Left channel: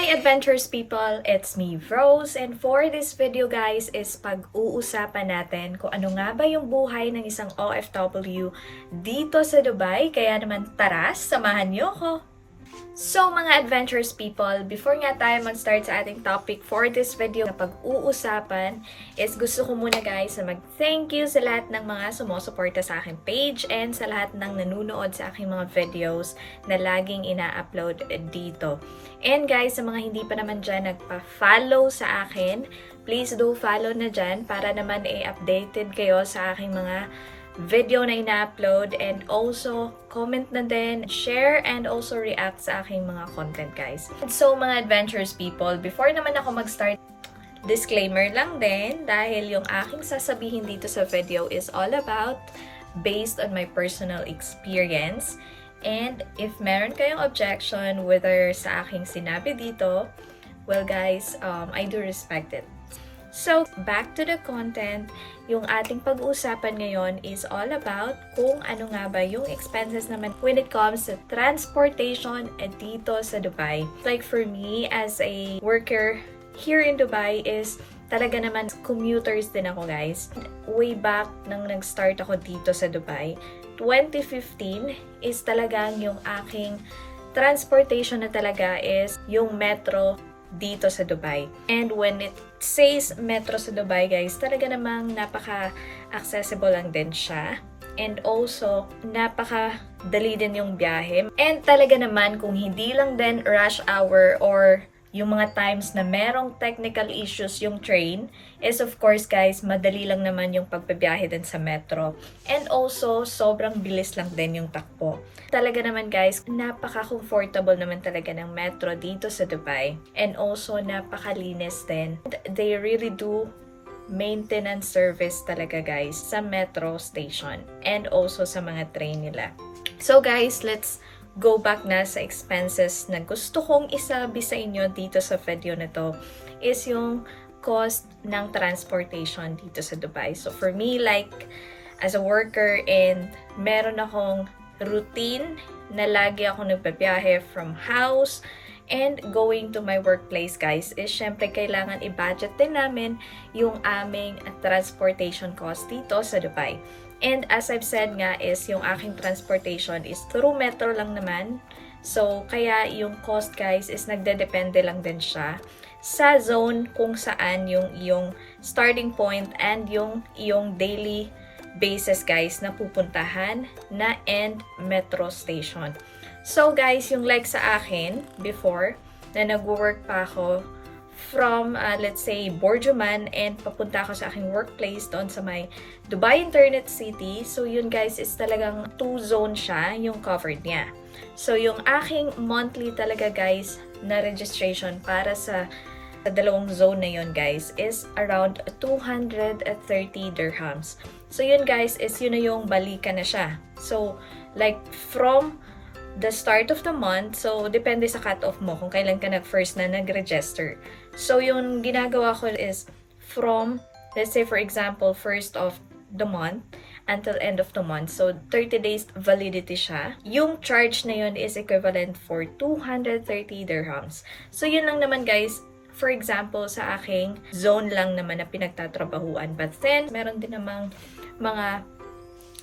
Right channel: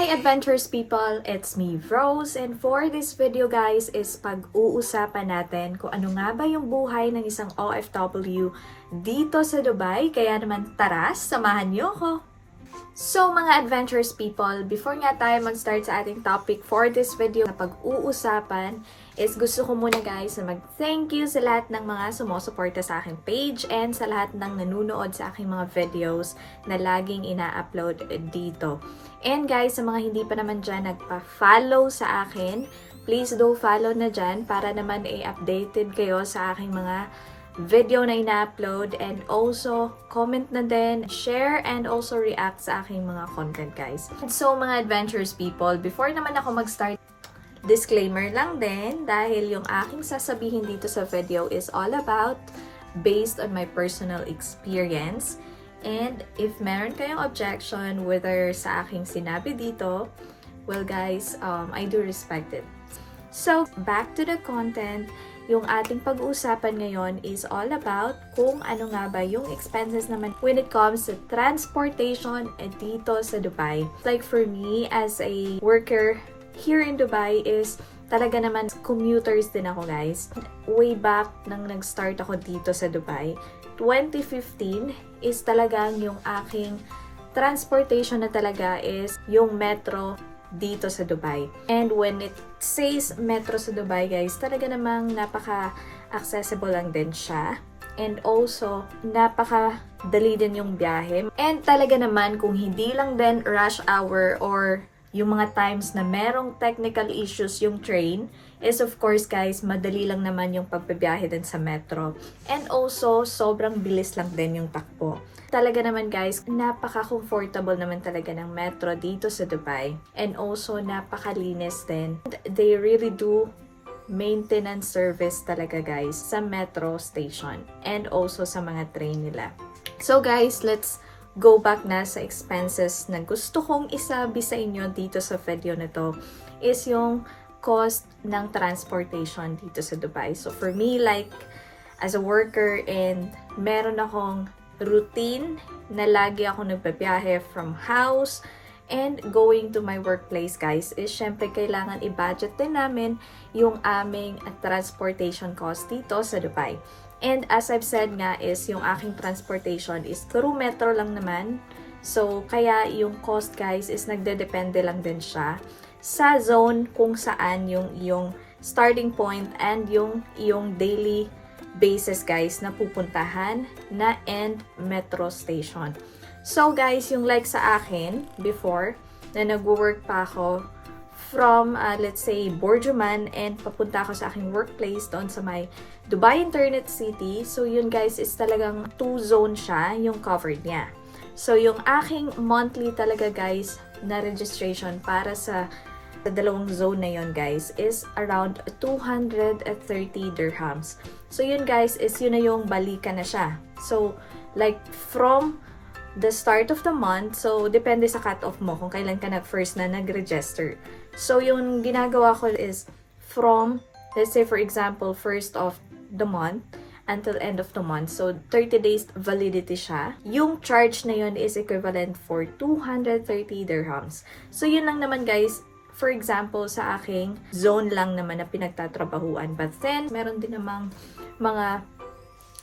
Hi adventurous people! It's me, Rose, and for this video guys is pag-uusapan natin kung ano nga ba yung buhay ng isang OFW dito sa Dubai. Kaya naman tara, samahan niyo ako! So mga adventurous people, before nga tayo mag-start sa ating topic for this video na pag-uusapan, is gusto ko muna guys na mag-thank you sa lahat ng mga sumusuporta sa aking page and sa lahat ng nanunood sa aking mga videos na laging ina-upload dito. And guys, sa mga hindi pa naman dyan nagpa-follow sa akin, please do follow na dyan para naman updated kayo sa aking mga video na ina-upload, and also comment na din, share, and also react sa aking mga content guys. So mga adventurous people, before naman ako mag-start, disclaimer lang din dahil yung aking sasabihin dito sa video is all about based on my personal experience. And if meron kayong objection whether sa aking sinabi dito, well guys, I do respect it. So, back to the content, yung ating pag-uusapan ngayon is all about kung ano nga ba yung expenses naman when it comes to transportation dito sa Dubai. Like for me, as a worker here in Dubai is talaga naman commuters din ako guys. Way back nang nag-start ako dito sa Dubai, 2015 is talagang yung aking transportation na talaga is yung metro dito sa Dubai. And when it says metro sa Dubai guys, talaga namang napaka-accessible lang din siya. And also, napaka-dali din yung biyahe. And talaga naman kung hindi lang din rush hour or yung mga times na merong technical issues yung train, is of course guys, madali lang naman yung pagbabiyahe din sa metro. And also, sobrang bilis lang din yung takbo. Talaga naman guys, napaka-comfortable naman talaga ng metro dito sa Dubai. And also, napakalinis din. They really do maintenance service talaga guys sa metro station. And also sa mga train nila. So guys, let's go back na sa expenses na gusto kong isabi sa inyo dito sa video na to. Is yung cost ng transportation dito sa Dubai. So for me, like as a worker and meron akong routine na lagi ako nagbabiyahe from house and going to my workplace guys, is syempre kailangan i-budget din namin yung aming transportation cost dito sa Dubai. And as I've said nga is yung aking transportation is through metro lang naman. So kaya yung cost guys is nagdedepende lang din siya sa zone kung saan yung starting point and yung daily basis guys na pupuntahan na end metro station. So guys, yung like sa akin before na nag-work pa ako from let's say Borjuman and papunta ako sa aking workplace doon sa may Dubai Internet City. So yun guys is talagang 2 zone siya yung covered niya. So yung aking monthly talaga guys na registration para sa dalawang zone na yun guys is around 230 dirhams. So yun guys is yun na yung balikan na siya. So like from the start of the month, so depende sa cut-off mo kung kailan ka first na nag-register. So yung ginagawa ko is from, let's say for example, first of the month until end of the month. So 30 days validity siya. Yung charge na yun is equivalent for 230 dirhams. So yun lang naman guys, for example, sa aking zone lang naman na pinagtatrabahuan. But then, meron din namang mga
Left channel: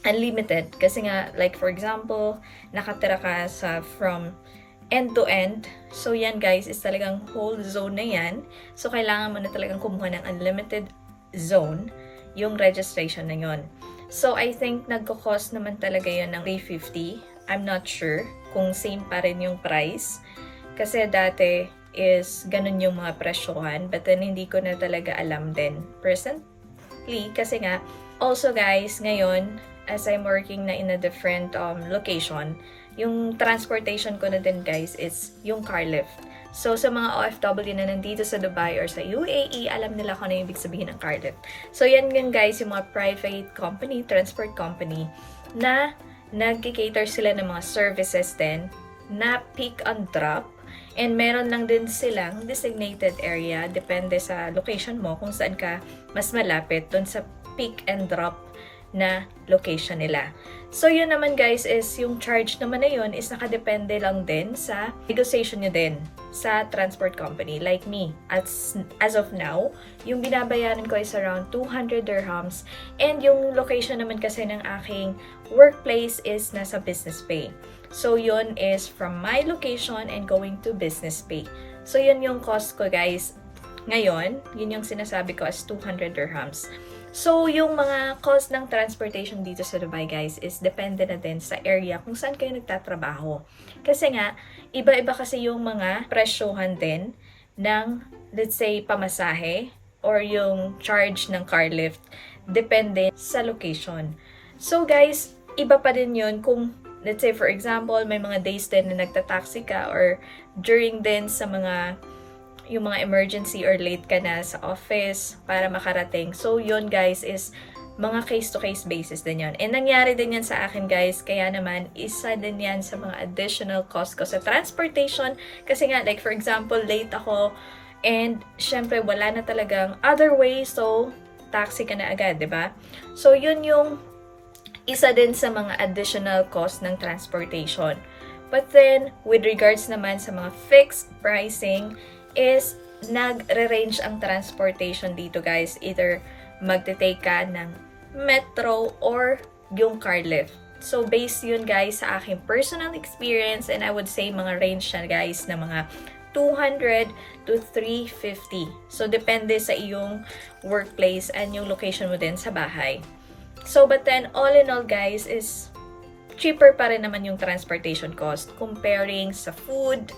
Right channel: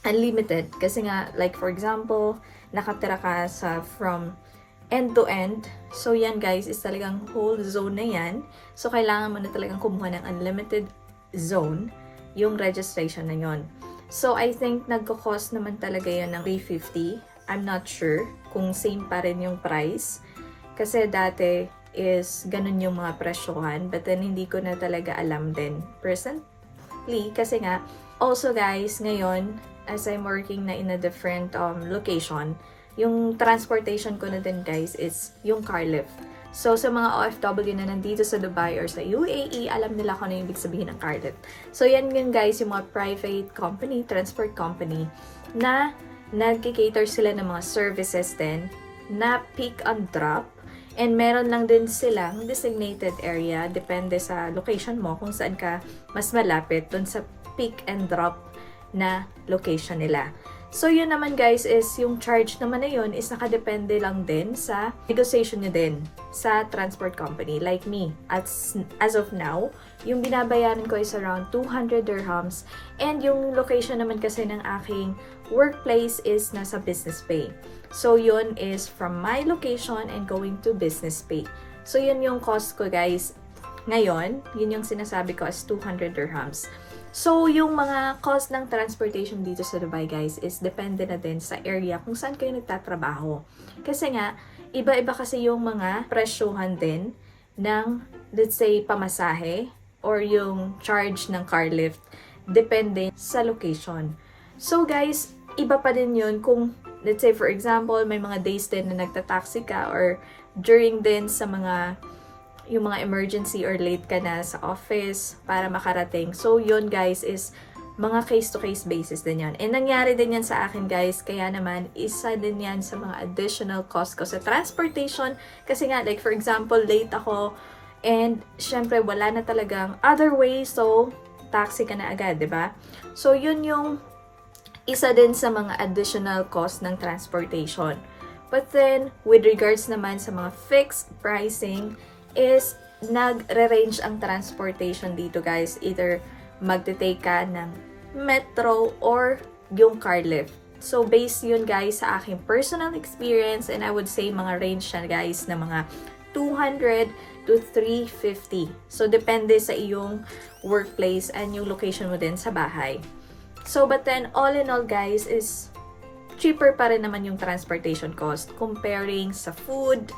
unlimited. Kasi nga, like for example, nakatira ka sa from end to end. So yan guys, is talagang whole zone na yan. So kailangan mo na talagang kumuha ng unlimited zone, yung registration na yon. So I think nagko-cost naman talaga yan ng 350. I'm not sure kung same pa rin yung price. Kasi dati is ganun yung mga presyohan, but then hindi ko na talaga alam din personally. Kasi nga, also guys, ngayon, as I'm working na in a different location, yung transportation ko na din guys is yung car lift. So sa mga OFW na nandito sa Dubai or sa UAE, alam nila kung ano yung ibig sabihin ng car lift. So yan yun guys, yung mga private company, transport company, na nag-cater sila ng mga services din na pick and drop. And meron lang din silang designated area, depende sa location mo kung saan ka mas malapit dun sa pick and drop na location nila. So yun naman guys is yung charge naman na yun is nakadepende lang din sa negotiation nyo din sa transport company. Like me, as of now, yung binabayaran ko is around 200 dirhams and yung location naman kasi ng aking workplace is nasa business pay. So yun is from my location and going to business pay. So yun yung cost ko guys. Ngayon, yun yung sinasabi ko as 200 dirhams. So, yung mga cost ng transportation dito sa Dubai, guys, is depende na din sa area kung saan kayo nagtatrabaho. Kasi nga, iba-iba kasi yung mga presyohan din ng, let's say, pamasahe or yung charge ng car lift. Depende sa location. So, guys, iba pa din yun kung, let's say, for example, may mga days din na nagtataxi ka or during din sa yung mga emergency or late ka na sa office para makarating. So, yun guys is mga case-to-case basis din yun. And nangyari din yan sa akin guys, kaya naman isa din yan sa mga additional cost ko sa transportation. Kasi nga, like for example, late ako and syempre wala na talagang other way, so taxi ka na agad, 'di ba? So, yun yung isa din sa mga additional cost ng transportation. But then, with regards naman sa mga fixed pricing, is nagre-range ang transportation dito guys. Either magte-take ka ng metro or yung car lift. So, based yun guys sa aking personal experience and I would say mga range na guys na mga 200 to 350. So, depende sa iyong workplace and yung location mo din sa bahay. So, but then all in all guys is cheaper pa rin naman yung transportation cost comparing sa food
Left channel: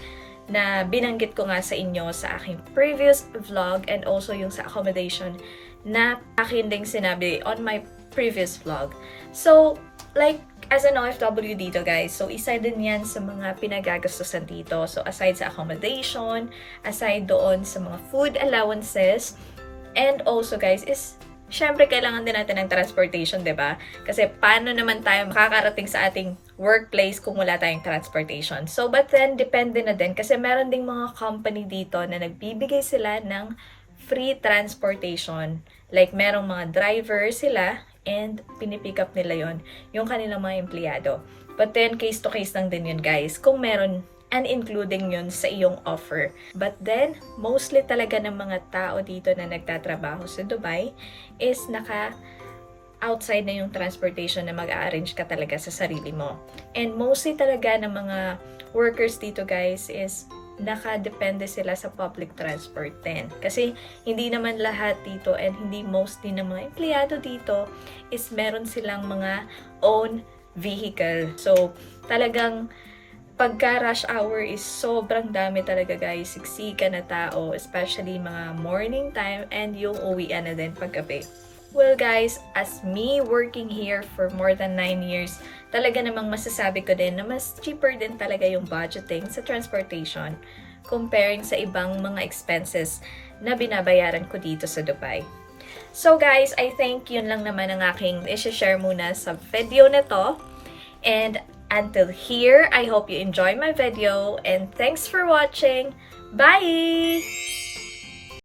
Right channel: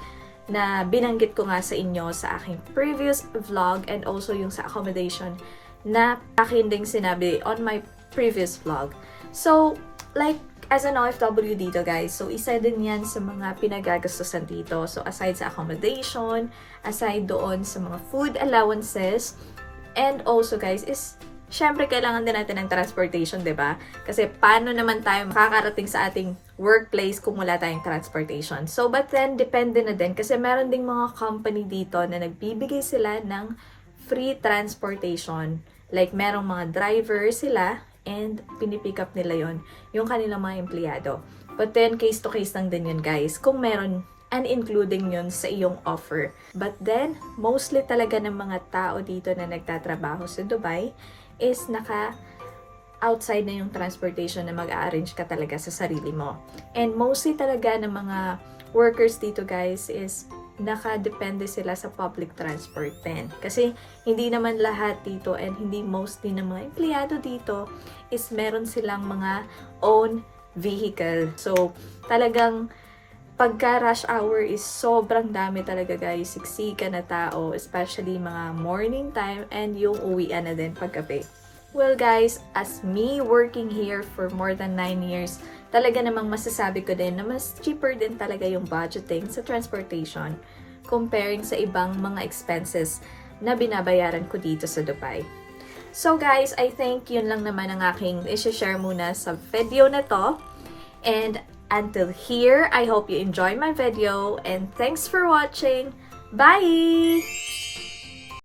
na binanggit ko nga sa inyo sa aking previous vlog and also yung sa accommodation na akin ding sinabi on my previous vlog. So, like, as an OFW dito guys, so isa din yan sa mga pinagagastusan dito. So, aside sa accommodation, aside doon sa mga food allowances, and also guys is syempre, kailangan din natin ng transportation, 'di ba? Kasi paano naman tayo makakarating sa ating workplace kung wala tayong transportation? So, but then, depende na din. Kasi meron ding mga company dito na nagbibigay sila ng free transportation. Like, merong mga driver sila and pinipick up nila yon yung kanilang mga empleyado. But then, case to case lang din yun, guys. Kung meron and including yun sa iyong offer. But then, mostly talaga ng mga tao dito na nagtatrabaho sa Dubai is outside na yung transportation na mag-arrange ka talaga sa sarili mo. And mostly talaga ng mga workers dito guys is nakadepende sila sa public transport din. Kasi hindi naman lahat dito and hindi mostly ng mga empleyado dito is meron silang mga own vehicle. So, talagang pagka rush hour is sobrang dami talaga guys, siksika na tao, especially mga morning time and yung uwian na din paggabi. Well guys, as me working here for more than 9 years, talaga namang masasabi ko din na mas cheaper din talaga yung budgeting sa transportation comparing sa ibang mga expenses na binabayaran ko dito sa Dubai. So guys, I think yun lang naman ang aking i-share muna sa video na to. And until here, I hope you enjoy my video and thanks for watching. Bye!